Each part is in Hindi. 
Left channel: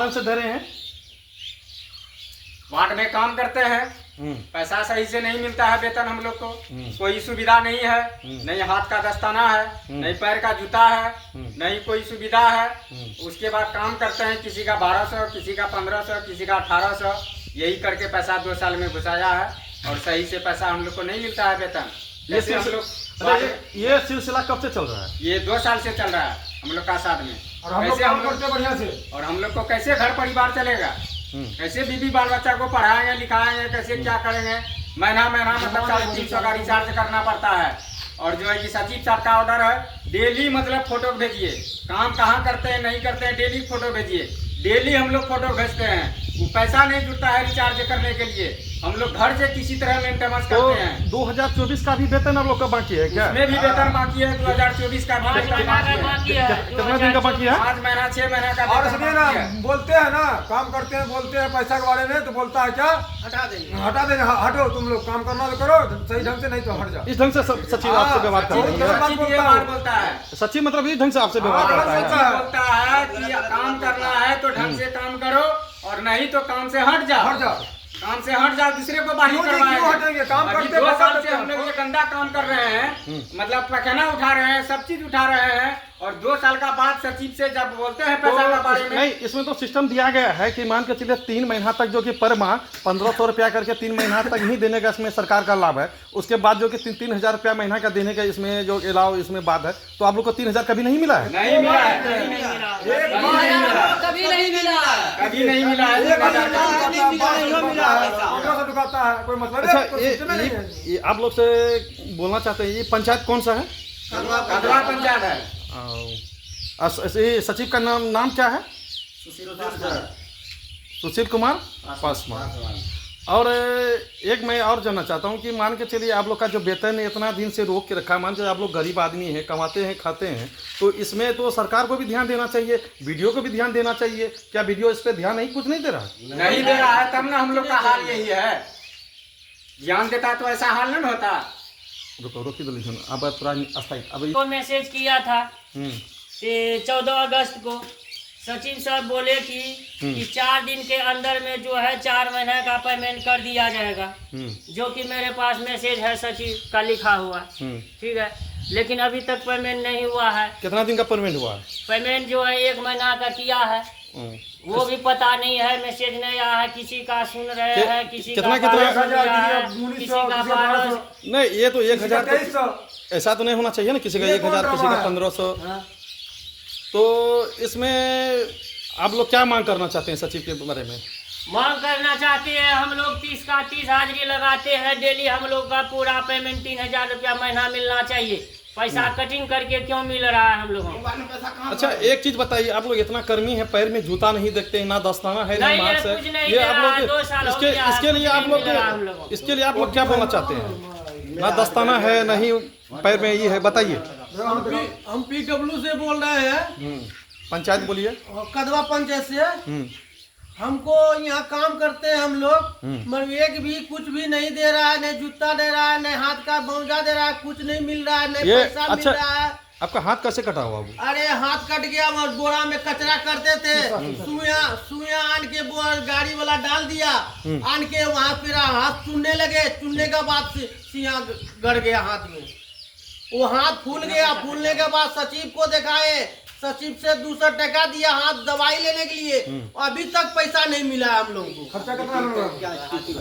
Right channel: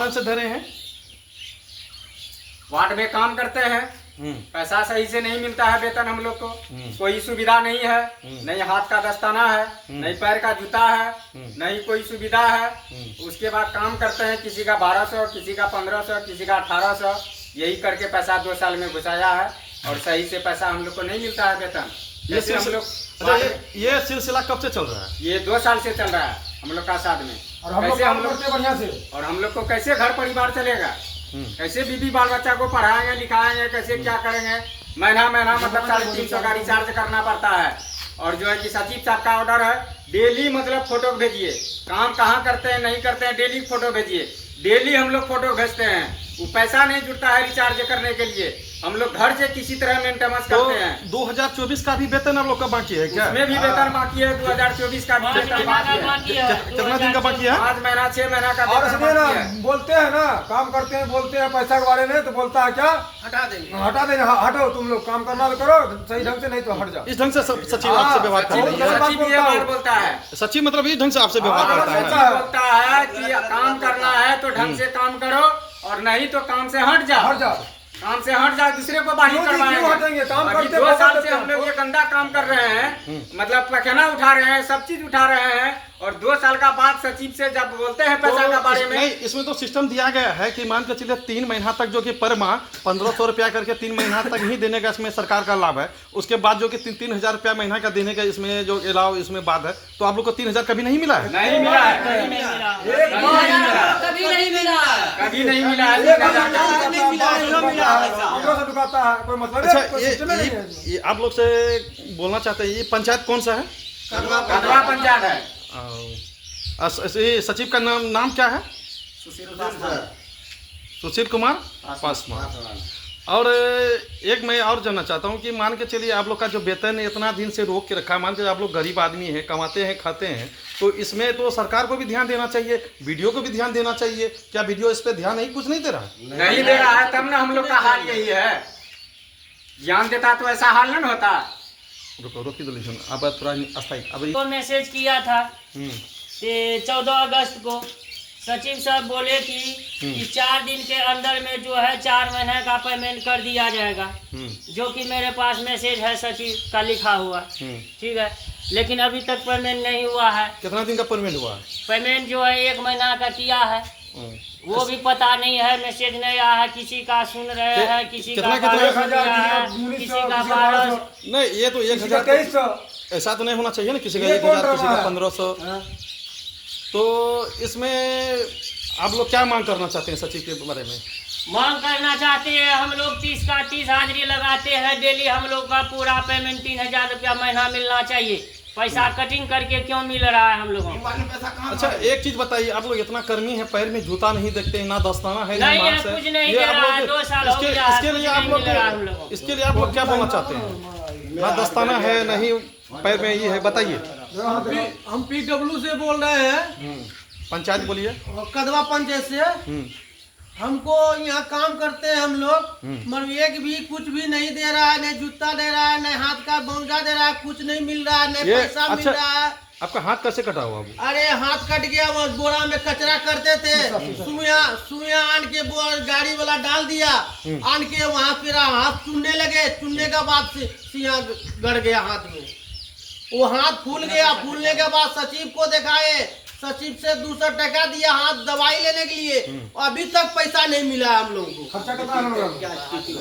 कारण से धरे हैं? वार्ड में काम करते हैं, पैसा सही से नहीं मिलता है, वेतन हम लोग को कोई सुविधा नहीं है, नहीं हाथ का दस्ताना है, नहीं पैर का जूता है, नहीं कोई सुविधा है। उसके बाद काम करते हैं, किसी का 1200, किसी का 1500, किसी का 1800, यही करके पैसा 2 साल में घुसाया है और सही से पैसा हम लोग को नहीं मिलता है वेतन। ये सिलसिला कब से चल रहा है? ये 2 साल से चल रहा है हम लोग का साथ में। और हम लोग कैसे हम लोग बढ़िया से, और हम लोग को कैसे घर परिवार चलेगा, कैसे बीबी बाल बच्चा को पढ़ाएंगे लिखाएंगे, कैसे क्या करेंगे। महीना मतलब 350 का रिचार्ज करना पड़ता है। और जो है कि सचिव साहब का ऑर्डर है, डेली मतलब फोटो भेजिए, काम कहाँ करते हैं नहीं करते हैं, डेली फोटो भेजिए। डेली हम लोग फोटो भेजते हैं, वो पैसा नहीं जुड़ता है रिचार्ज करने के लिए। हम लोग घर से किसी तरह मेंटेनेंस करते हैं। 2024 का भी वेतन आप लोग का बाकी है क्या? उसमें भी वेतन बाकी है, 2024 का भी वेतन बाकी है। कितना दिन का बाकी है? 5 महीना 6 महीना का और वेतन इसमें ना बाकी है। बोलते हैं ना, काम करते हैं बोलते हैं पैसा के बारे में, तो बोलता है क्या, हटा देंगे, हटो तुम लोग, काम करना तो करो सही ढंग से, नहीं तो हट जाओ। इस ढंग से सचिव आपसे व्यवहार करता है? सचिव ये बात बोलता है, सचिव मतलब इस ढंग से आपसे व्यवहार करता है? सचिव बोलता है कि काम करना है तो ढंग से काम करो, और नहीं तो काम से हट जाओ, काम से हट जाओ, दूसरे को बाही करवाएंगे। काम अभी करते 2 साल से हम लोग ये गंदा काम कर रहे हैं, मतलब पैखाना उठा रहे हैं, सब चीज उठा रहे हैं। और 2 साल का बाद सचिव से जब बोलते हैं पैसा का बारे में, नहीं, इसमें तो सिस्टम दिया गया है कि मान के चलिए 3 महीना तक जो कि पर माह 1500 रुपया करके 3 महीना तक ही देने का इसमें सरकार का लाभ है। उसके बाद जो कि 3-3000 रुपया महीना का देने का इसमें जो अलाव इसमें बाद है। तो आप लोग को 3000 कभी नहीं मिला है? नहीं मिला है, नहीं मिला है, कभी नहीं मिला, कभी नहीं मिला है। दुखाता है, कोई मतलब अच्छा, ये आप लोग से बोलना चाहते हैं, ये पंचायत कौन सा है? कदवा पंचायत है। सचिव का नाम क्या है? सुशील कुमार पासवान। और एक मैं और जानना चाहता हूँ कि मान के चलिए आप लोग का जो वेतन इतना दिन से रोक के रखा, मान के आप लोग गरीब आदमी हैं, कमाते हैं खाते हैं, तो इसमें तो सरकार को भी ध्यान देना चाहिए, वीडियो को भी ध्यान देना चाहिए। क्या वीडियो इस पे ध्यान नहीं, कुछ नहीं दे रहा? नहीं दे रहा है, तब ना हम लोग का हाल यही है। ध्यान देता तो ऐसा हाल नहीं होता। रोकी अब अस्थायी अब को मैसेज किया था 14 अगस्त को। सचिव साहब बोले कि 4 दिन के अंदर में जो है 4 महीने का पेमेंट कर दिया जाएगा, जो कि मेरे पास मैसेज है सचिव का लिखा हुआ, ठीक है। लेकिन अभी तक पेमेंट नहीं हुआ है। कितना दिन का पेमेंट हुआ? पेमेंट जो है 1 महीना का किया है, वो भी पता नहीं है, मैसेज नहीं आया है। किसी का सुन रहे हैं, किसी का 1200 दिया है, किसी का 1200। नहीं, ये तो 1000 ऐसा तो नहीं होना चाहिए ना, किसी का 1000, किसी का 1500। तो इसमें आप लोग क्या मांग करना चाहते हैं सचिव के बारे में? मांग करना चाहते हैं हम लोग 30 का 30 हाजिरी लगाते हैं डेली। हम लोग का पूरा पेमेंट 3000 रुपया महीना मिलना चाहिए। पैसा कटिंग करके क्यों मिल रहा है हम लोगों को? अच्छा, एक चीज बताइए, आप लोग इतना कर्मी है, पैर में जूता नहीं देखते हैं, ना दस्ताना है, नहीं है, कुछ नहीं दे रहा है। 2 साल हो गया है, इसके लिए आप लोग क्या बोलना चाहते हैं? ना दस्ताना है, नहीं पैर में ये है, बताइए। हम PW से बोल रहे हैं, पंचायत बोलिए। कदवा पंचायत से। हमको यहाँ काम करते हैं हम लोग, मगर एक भी कुछ भी नहीं दे रहा है, नहीं जूता दे रहा है, नहीं हाथ का मोजा दे रहा है, कुछ नहीं मिल रहा है, नहीं पैसा मिल रहा है। आपका हाथ कैसे कटा हुआ? अरे हाथ कट गया, बोरा में कचरा करते थे, सुइया आन के गाड़ी वाला डाल दिया, आन के वहाँ फिर हाथ चुनने लगे, चुनने के बाद सिया गड़ गया हाथ में। वो हाथ फूल गया, फूलने के बाद सचिव को दिखाए, सचिव से 200 टका दिया हाथ दवाई लेने के लिए, अभी तक पैसा नहीं मिला हम लोगों को। खर्चा कितना हुआ?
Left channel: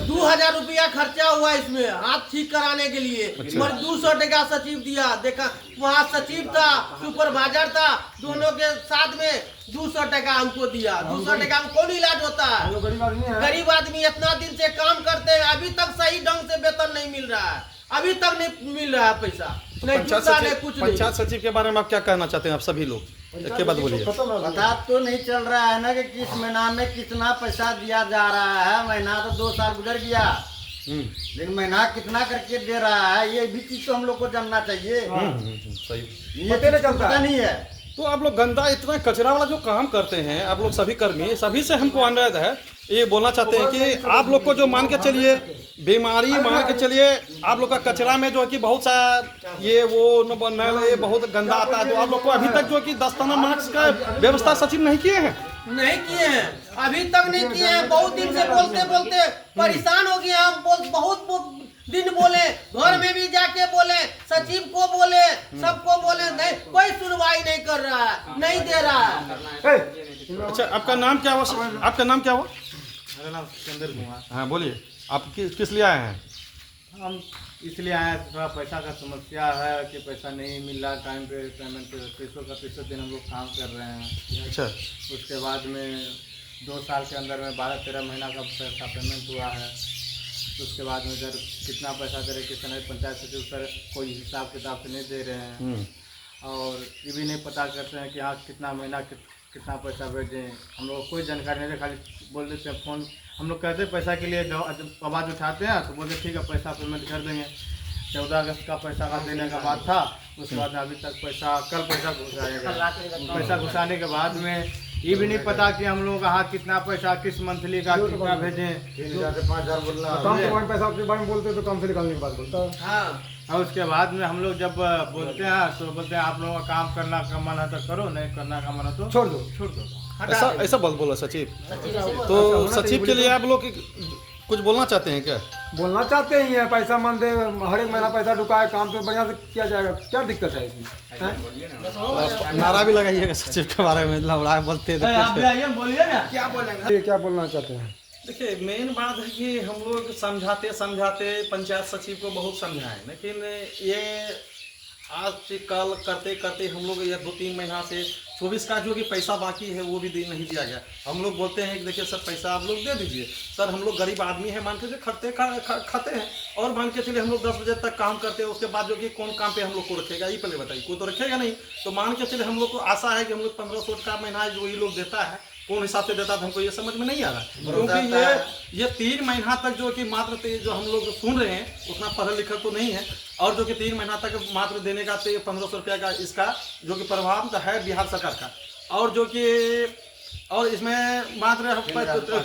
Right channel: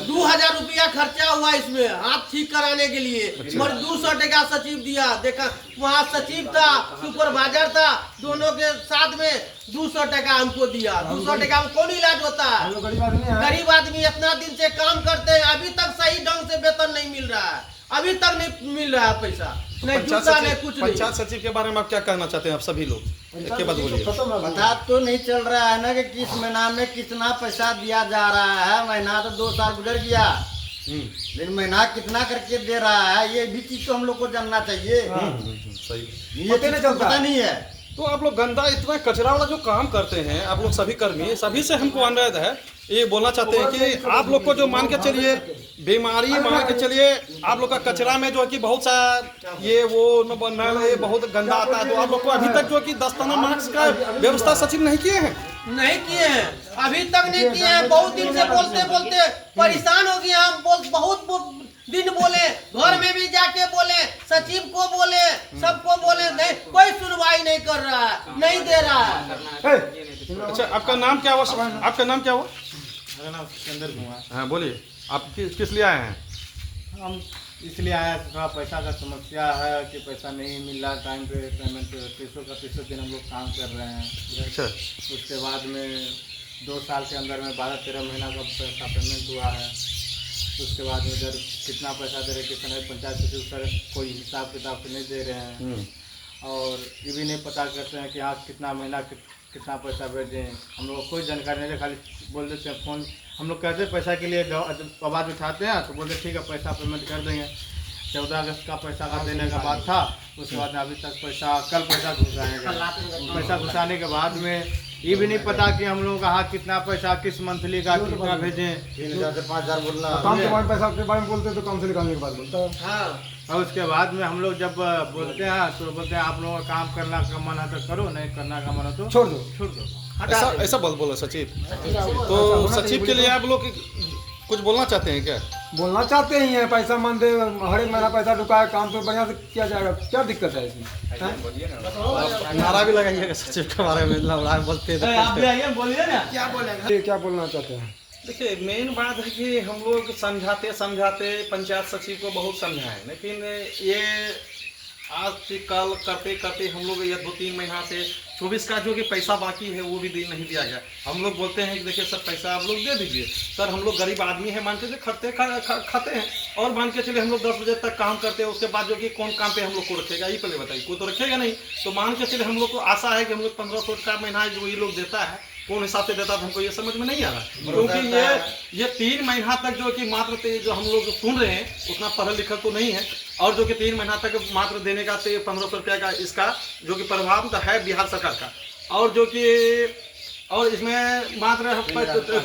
2000 रुपया खर्चा हुआ इसमें हाथ ठीक कराने के लिए, मगर 200 टका सचिव दिया। देखा वहाँ सचिव था, सुपरवाइजर था, दोनों के साथ में 200 टका हमको दिया। 200 टका में कौन इलाज होता है? गरीब आदमी इतना दिन से काम करते हैं, अभी तक सही ढंग से वेतन नहीं मिल रहा है, अभी तक नहीं मिल रहा है पैसा, नहीं जूता नहीं कुछ नहीं। पंचायत सचिव के बारे में आप क्या कहना चाहते हैं? आप सभी लोग एक बात बोलिए। पता तो नहीं चल रहा है ना कि किस महीना में कितना पैसा दिया जा रहा है। महीना तो 2 साल गुजर गया, लेकिन महीना कितना करके दे रहा है, ये भी चीज तो हम लोग को जानना चाहिए। सही, ये पता नहीं है। तो आप लोग गंदा इतना कचरा वाला जो काम करते हैं, आप लोग सभी कर्मी, सभी से हमको अनुरोध है, ये बोलना चाहते हैं कि आप लोग को जो मान के चलिए बीमारी, मान के चलिए आप लोग का कचरा में जो कि बहुत सा ये वो ये बहुत गंदा आता है, तो आप लोग को अभी तक जो कि दस्ताना मास्क का व्यवस्था सचिव नहीं किए हैं। नहीं किए हैं, अभी तक नहीं किए हैं। बहुत दिन से बोलते बोलते परेशान हो गए हम। बहुत दिन बोले, घर में भी जाके बोले, सचिव को बोले, सबको बोले, नहीं कोई सुनवाई नहीं कर रहा है, नहीं दे रहा है। अच्छा, आपका नाम क्या हुआ? आपका नाम क्या हुआ? मेरा नाम सिकंदर कुमार। हाँ बोलिए, आप किस लिए आए हैं? हम इसलिए आए हैं, थोड़ा पैसा का समस्या है कि पैसा नहीं मिल रहा टाइम पे, पेमेंट पे। तीसों दिन हम लोग काम कर रहे हैं। अच्छा, उसके बाद में 2 साल के अंदर में 12-13 महीना का पैसा पेमेंट हुआ है। उसके बाद में इधर कितना पैसा दे रहे, कितना पंचायत सचिव सर कोई हिसाब किताब से नहीं दे रहे हैं। और ये भी नहीं पता करते हैं कि हाँ कितना महीना कितना पैसा भेजें। हम लोग को कोई जानकारी नहीं है, खाली बोल देते हैं फ़ोन। हम लोग कहते हैं पैसा के लिए आवाज़ उठाते हैं तो बोलते ठीक है पैसा पेमेंट कर देंगे। 14 अगस्त का पैसा का देने का बात था, उसके बाद अभी तक कल पैसा घुसाने का। पैसा घुसाने के बाद में ये भी नहीं पता कि हम लोग हाँ कितना पैसा किस मंथली का कितना भेजें। 3,000 से 5,000 बोलना काम के बारे में पैसा के बारे में बोलते तो काम से निकालने की बात बोलता है। हाँ, और उसके बाद में हम लोग जब बोलते हैं तो बोलते हैं आप लोगों का काम करना का मन है तो करो, नहीं करना का मन है तो छोड़ दो। छोड़ दो। ऐसा बोला सचिव। तो सचिव के लिए आप लोग कुछ बोलना चाहते हैं क्या? बोलना चाहते ही है, पैसा मन दे, हर एक महीना पैसा ढुकाए, काम तो बढ़िया से किया जाएगा, क्या दिक्कत है इसमें? हैं? नारा भी लगाइएगा सचिव के बारे में, लड़ाई बोलते हैं। क्या बोलना चाहते हैं? देखिए, मेन बात है कि हम लोग समझाते पंचायत सचिव को बहुत समझाएं, लेकिन ये आज से कल करते करते हम लोग ये 2-3 महीना से 24 का जो कि पैसा बाकी है वो भी नहीं दिया गया। हम लोग बोलते हैं कि देखिए सर पैसा आप लोग दे दीजिए सर, हम लोग गरीब आदमी है, मान के चलिए खाते हैं और मान के चलिए हम लोग 10 बजे तक काम करते हैं। उसके बाद जो कि कौन काम पे हम लोग को रखेगा, ये पहले बताइए, कोई तो रखेगा नहीं। तो मान के चलिए हम लोग को आशा है कि हम लोग 1500 का महीना जो ये लोग देता है, कौन हिसाब से देता था हमको ये समझ में नहीं आ रहा, क्योंकि ये 3 महीना तक जो कि मात्र जो हम लोग सुन रहे हैं उतना पढ़ल लिखल तो नहीं है, और जो कि 3 महीना तक मात्र देने का 1500 रुपया का इसका जो कि प्रभाव है बिहार सरकार का, और जो कि और इसमें मात्र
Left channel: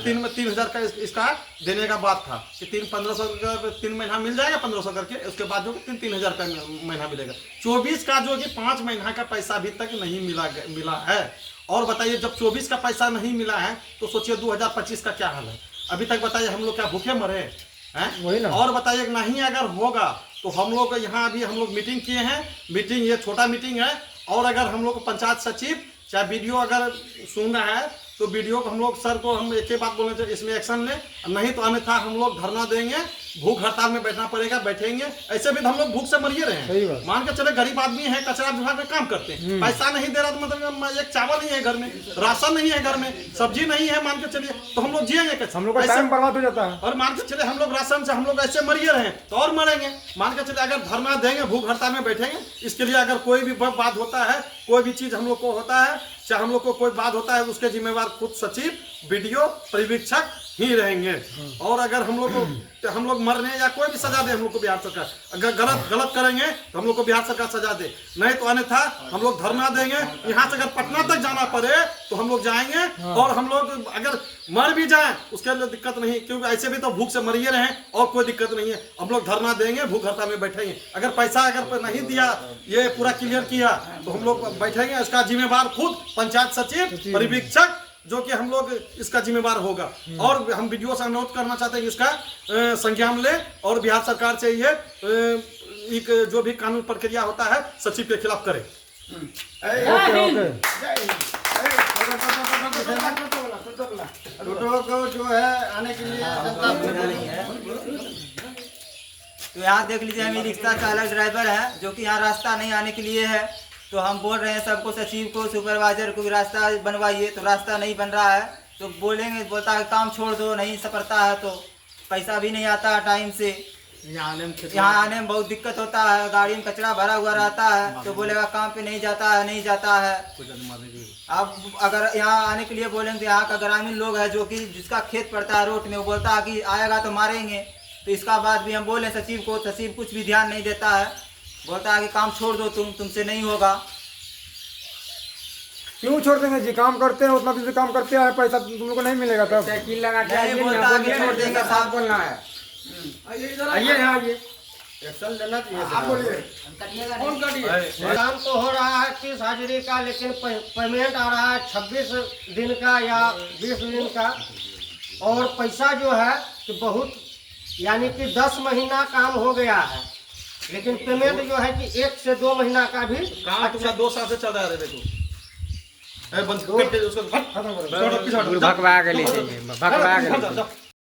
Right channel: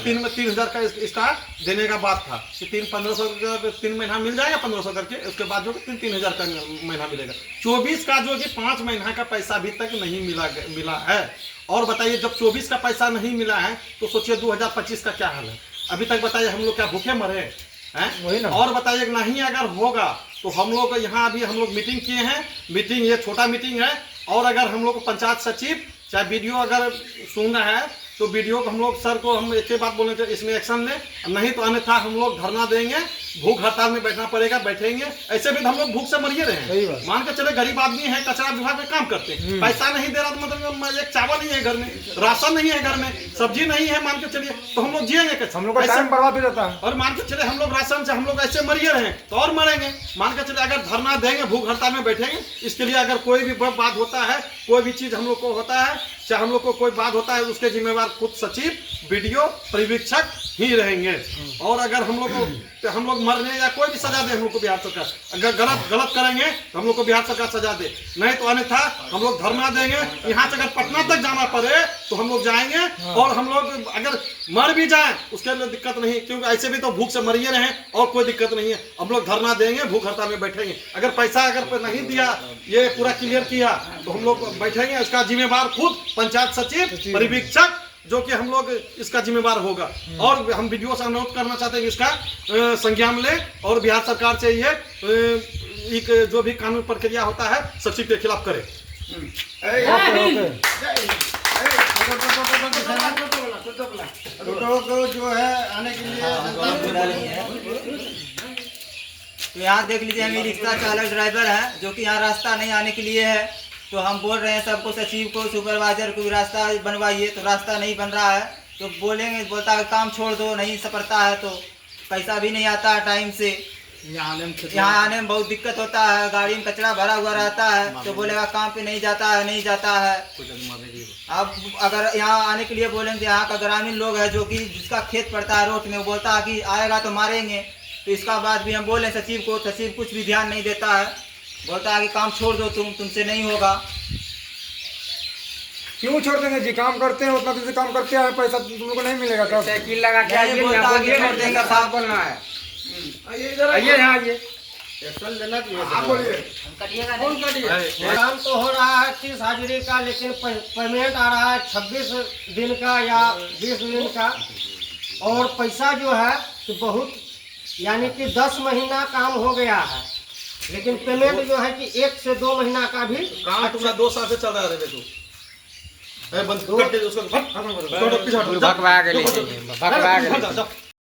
3,000 का इसका देने का बात था कि 1500 का 3 महीना मिल जाएगा 1500 करके, उसके बाद जो कि 3,000 का महीना मिलेगा। 24 का जो कि 5 महीना का पैसा अभी तक नहीं मिला है। और बताइए, जब 24 का पैसा नहीं मिला है तो सोचिए 2025 का क्या हाल है। अभी तक बताइए हम लोग क्या भूखे मरे हैं? और बताइए नहीं अगर होगा तो हम लोग यहाँ अभी हम लोग मीटिंग किए हैं, मीटिंग ये छोटा मीटिंग है, और अगर हम लोग को पंचायत सचिव चाहे वीडियो अगर सुन रहा है तो वीडियो को हम लोग सर को हम एक ही बात बोलना चाहिए, इसमें एक्शन लें, नहीं तो अन्यथा हम लोग धरना देंगे, भूख हड़ताल में बैठना पड़ेगा, बैठेंगे। ऐसे भी हम लोग भूख से मरिए रहे हैं। मान के चले गरीब आदमी है, कचरा विभाग में काम करते हैं, पैसा नहीं दे रहा तो मतलब एक चावल नहीं है घर में, राशन नहीं है घर में, सब्जी नहीं है, मान के चलिए तो हम लोग जिएंगे कैसे? हम लोग का टाइम बर्बाद हो जाता है। और मान के चले हम लोग राशन से हम लोग ऐसे मरिए रहे तो और मरेंगे। मान के चले अगर धरना देंगे, भूख हड़ताल में बैठेंगे, इसके लिए अगर कोई भी बात होता है, कोई भी चीज हम लोग को होता है, चाहे हम लोग को कोई बात होता है, उसके जिम्मेवार खुद सचिव, वीडियो पर्यवेक्षक ही रहेंगे। और अगर हम लोग मरने या कोई भी सजा दे हम लोग को बिहार सरकार, अगर गलत करेंगे तो हम लोग को बिहार सरकार सजा दे, नहीं तो अन्यथा हम लोग धरना देंगे। यहाँ से अगर पटना तक जाना पड़े तो हम लोग जाएंगे, और हम लोग अगर मर भी जाए उसके लिए दिक्कत नहीं, क्योंकि ऐसे भी तो भूख से मरिए रहे और कोई दिक्कत नहीं है। हम लोग धरना देंगे, भूख हड़ताल में बैठेंगे। अगर पैसा अगर नहीं दिया, ये पूरा क्लियर किया तो हम लोग बैठेंगे, इसका जिम्मेवार खुद पंचायत सचिव, पर्यवेक्षक, जो कि हम लोग इसका जिम्मेवार होगा। और हम वीडियो से अनुरोध करना चाहते हैं इसका संज्ञान ले, और बिहार सरकार से ये एक जो भी कानून प्रक्रिया होता है सचिव के खिलाफ करे। टोटो को जो है आने के लिए तो यहाँ देख लीजिए, हम रिक्शा चालक ड्राइवर है जो कि यहाँ रास्ता नहीं आने के लिए है, तो हम बोल रहे हैं सबको, सचिव को, सुपरवाइजर को रास्ता बनवाइए, तो रास्ता नहीं बन रहा है तो बोलेंगे, बोलता है काम छोड़ दो, नहीं सपरता है तो पैसा भी नहीं आता है टाइम से। यहाँ आने में बहुत दिक्कत होता है, गाड़ी में कचरा भरा हुआ रहता है तो बोलेगा काम पे नहीं जाता है। अब अगर यहाँ आने के लिए बोलेंगे, यहाँ का ग्रामीण लोग है जो कि जिसका खेत पड़ता है रोड में, वो बोलता है कि आएगा तो मारेंगे। तो इसका बाद भी हम बोले सचिव को, सचिव कुछ भी ध्यान नहीं देता है, बोलता है कि काम छोड़ दो, तुमसे नहीं होगा। क्यों छोड़ देंगे जी? काम करते हैं, उतना तुमसे काम करते हैं, पैसा तुम लोग को नहीं मिलेगा कब? साइकिल लगा के नहीं, आइए, बोलता यहाँ है बोलिए, छोड़ छोड़ देंगे, साफ बोलना है। आइए यहाँ आइए, एक्शन लेना चाहिए। आप बोलिए। काम तो हो रहा है 30 हाजिरी का, लेकिन पेमेंट आ रहा है 26 दिन का या 20 दिन का, और पैसा जो है कि बहुत, यानी कि 10 महीना काम हो गया है, लेकिन पेमेंट जो है कि 1 से 2 महीना का भी। काम तुम्हारा 2 साल से चल रहा है रे तू। बंद कर दे उसको, भगवा के ले, भगवा के ले।